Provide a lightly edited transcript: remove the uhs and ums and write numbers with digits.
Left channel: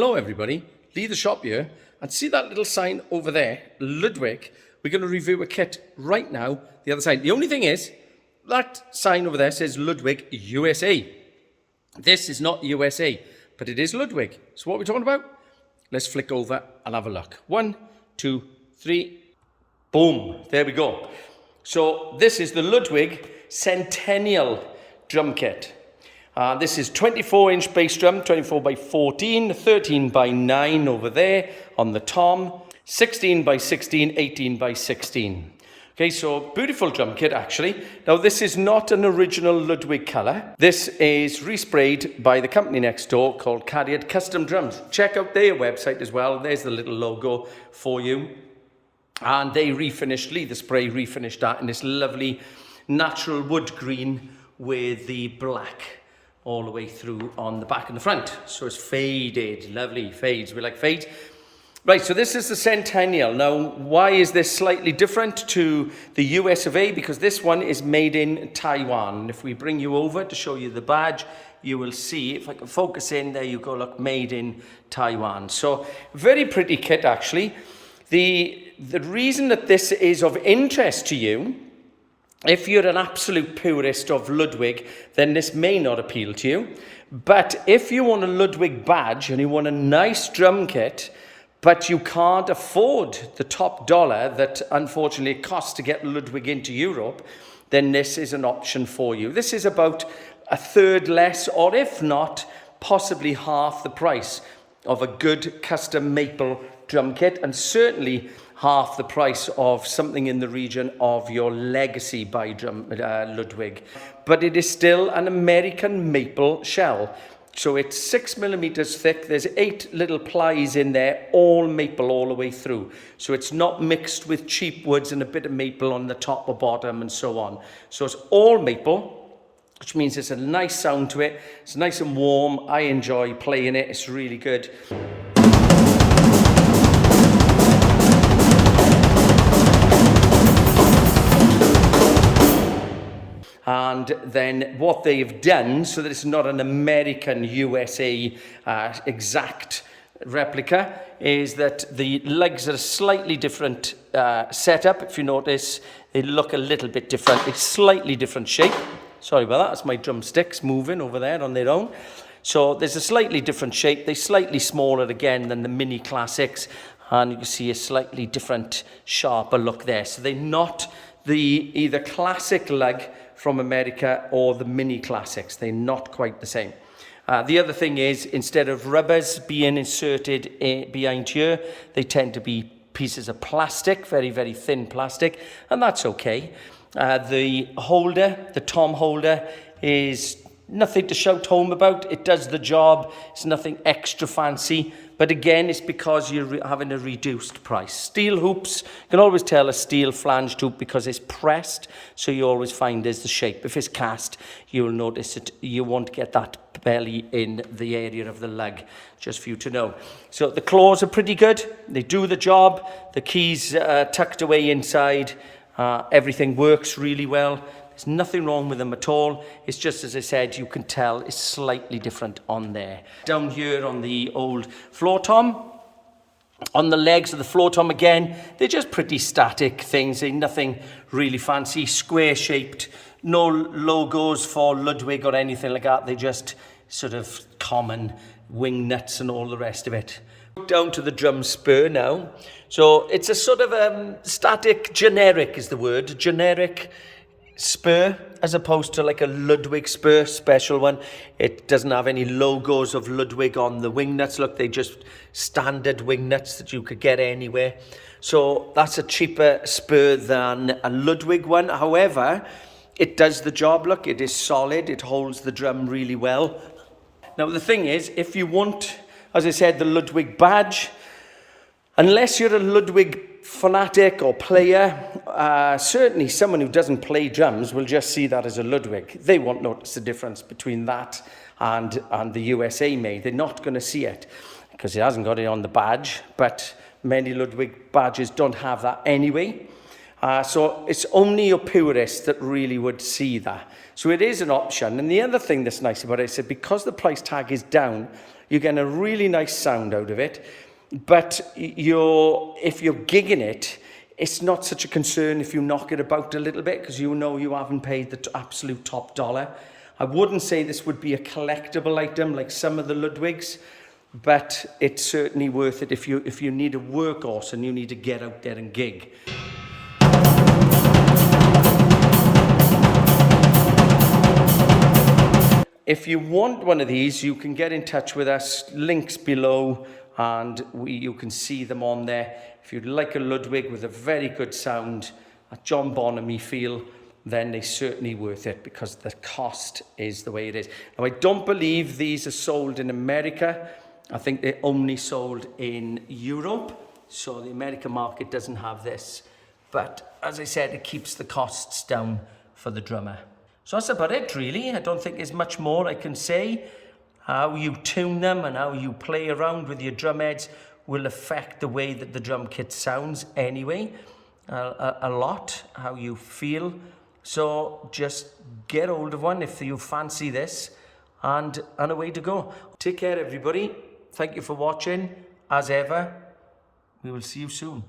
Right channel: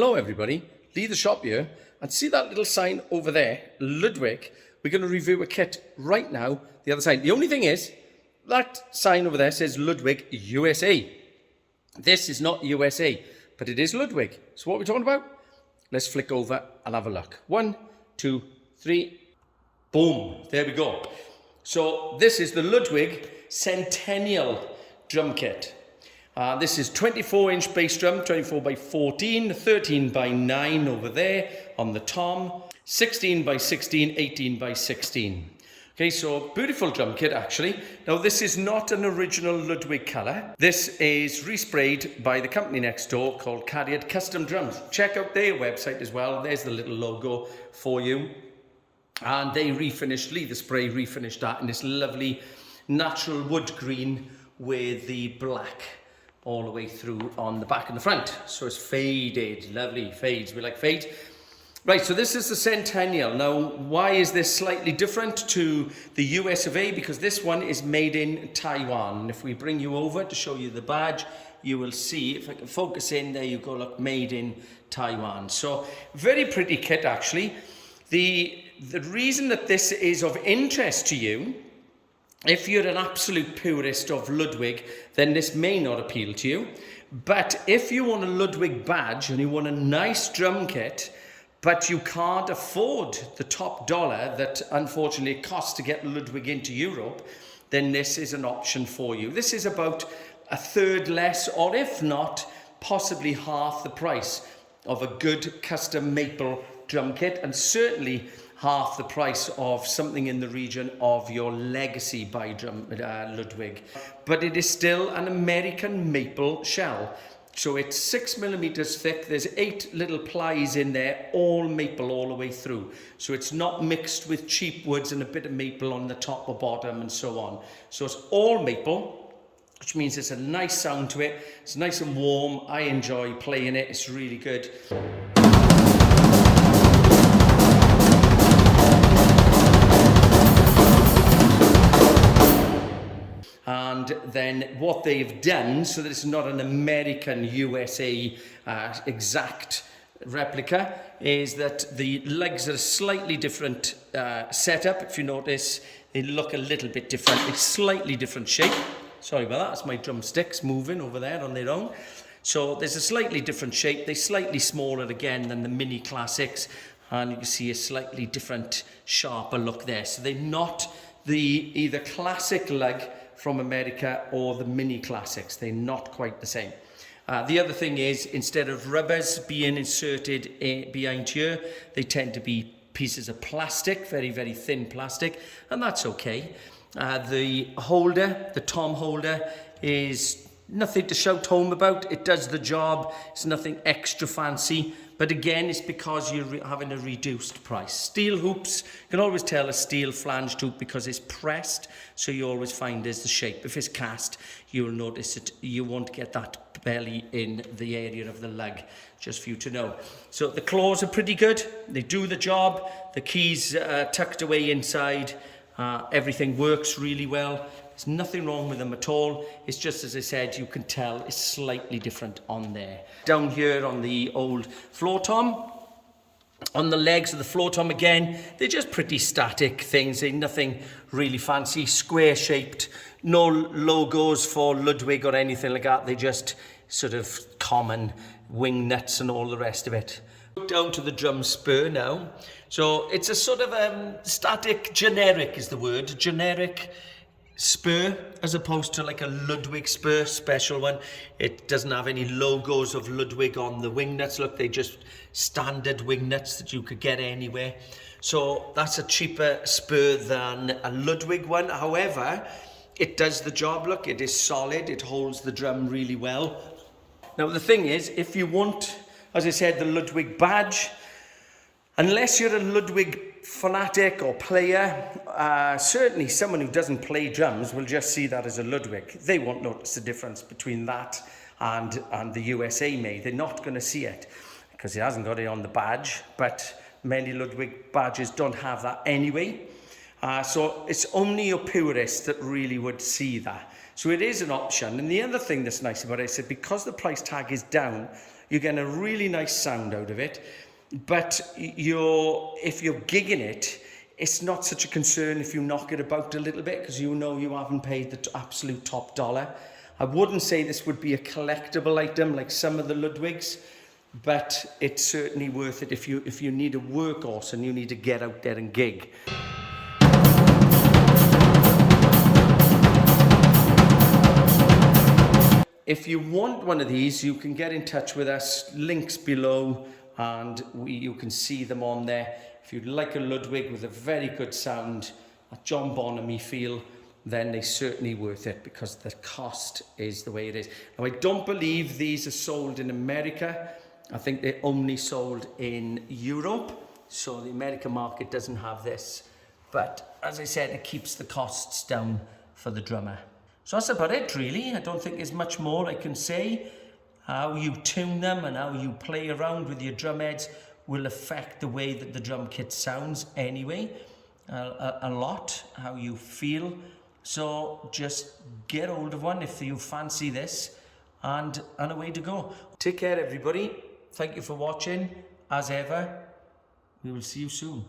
Hello everybody, leave the shop here and see that little sign over there, Ludwig. We're going to review a kit right now, the other side. The only thing is, that sign over there says Ludwig USA. This is not USA, but it is Ludwig. So what are we talking about? Let's flick over and have a look. 1, 2, 3, boom, there we go. So this is the Ludwig Centennial drum kit. This is 24-inch bass drum, 24 by 14, 13 by 9 over there on the tom, 16 by 16, 18 by 16. Okay, so beautiful drum kit actually. Now this is not an original Ludwig colour. This is resprayed by the company next door called Cariad Custom Drums. Check out their website as well. There's the little logo for you. And they refinished, leather spray refinished that in this lovely natural wood green with the black all the way through on the back and the front. So it's faded, lovely fades, we like fades. Right, so this is the Centennial. Now, why is this slightly different to the US of A? Because this one is made in Taiwan. And if we bring you over to show you the badge, you will see, if I can focus in, there you go, look, made in Taiwan. So very pretty kit actually. The reason that this is of interest to you, if you're an absolute purist of Ludwig, then this may not appeal to you. But if you want a Ludwig badge and you want a nice drum kit, but you can't afford the top dollar that unfortunately it costs to get Ludwig into Europe, then this is an option for you. This is about a third less, or if not, possibly half the price of a good custom maple drum kit, and certainly half the price of something in the region of your legacy by Ludwig. But it is still an American maple shell. So it's 6mm thick. There's 8 little plies in there, all maple all the way through. So it's not mixed with cheap woods and a bit of maple on the top or bottom and so on. So it's all maple, which means it's a nice sound to it. It's nice and warm. I enjoy playing it. It's really good. And then what they've done, so that it's not an American USA exact replica, is that the legs are a slightly different setup. If you notice, they look a little bit different. It's slightly different shape. Sorry about that, that's my drumsticks moving over there on their own. So there's a slightly different shape. They're slightly smaller again than the mini classics. And you can see a slightly different, sharper look there. So they're not the either classic lug from America or the mini classics. They're not quite the same. The other thing is, instead of rubbers being inserted behind here, they tend to be pieces of plastic, very, very thin plastic, and that's okay. The holder, the tom holder, is nothing to shout home about. It does the job. It's nothing extra fancy. But again, it's because you're having a reduced price. Steel hoops, you can always tell a steel flanged hoop because it's pressed, so you always find there's the shape. If it's cast, you'll notice it. You won't get that belly in the area of the lug, just for you to know. So the claws are pretty good. They do the job. The keys tucked away inside. Everything works really well. There's nothing wrong with them at all. It's just, as I said, you can tell it's slightly different on there. Down here on the old floor tom, on the legs of the floor tom again, they're just pretty static things. They're nothing really fancy, square shaped, no logos for Ludwig or anything like that. They're just sort of common wing nuts and all the rest of it. Down to the drum spur now. So it's a sort of static, generic is the word, generic spur, as opposed to like a Ludwig spur special one. It doesn't have any logos of Ludwig on the wing nuts. Look, they're just standard wing nuts that you could get anywhere. So that's a cheaper spur than a Ludwig one. However, it does the job. Look, it is solid. It holds the drum really well. Now, the thing is, if you want, as I said, the Ludwig badge, unless you're a Ludwig fanatic or player, certainly someone who doesn't play drums will just see that as a Ludwig. They won't notice the difference between that and the USA made. They're not going to see it because it hasn't got it on the badge, but many Ludwig badges don't have that anyway. So it's only your purists that really would see that. So it is an option. And the other thing that's nice about it is that because the price tag is down, You're getting a really nice sound out of it. But if you're gigging it, it's not such a concern if you knock it about a little bit, because you know you haven't paid the absolute top dollar. I wouldn't say this would be a collectible item like some of the Ludwigs, but it's certainly worth it if you need a workhorse and you need to get out there and gig. If you want one of these, you can get in touch with us, links below, and you can see them on there. If you'd like a Ludwig with a very good sound, a John Bonham feel, then they're certainly worth it, because the cost is the way it is. Now, I don't believe these are sold in America. I think they're only sold in Europe, so the American market doesn't have this. But as I said, it keeps the costs down for the drummer. So that's about it, really. I don't think there's much more I can say. How you tune them and how you play around with your drum heads will affect the way that the drum kit sounds anyway, a lot, how you feel. So just get hold of one if you fancy this, and away to go. Take care, everybody. Thank you for watching. As ever, we will see you soon.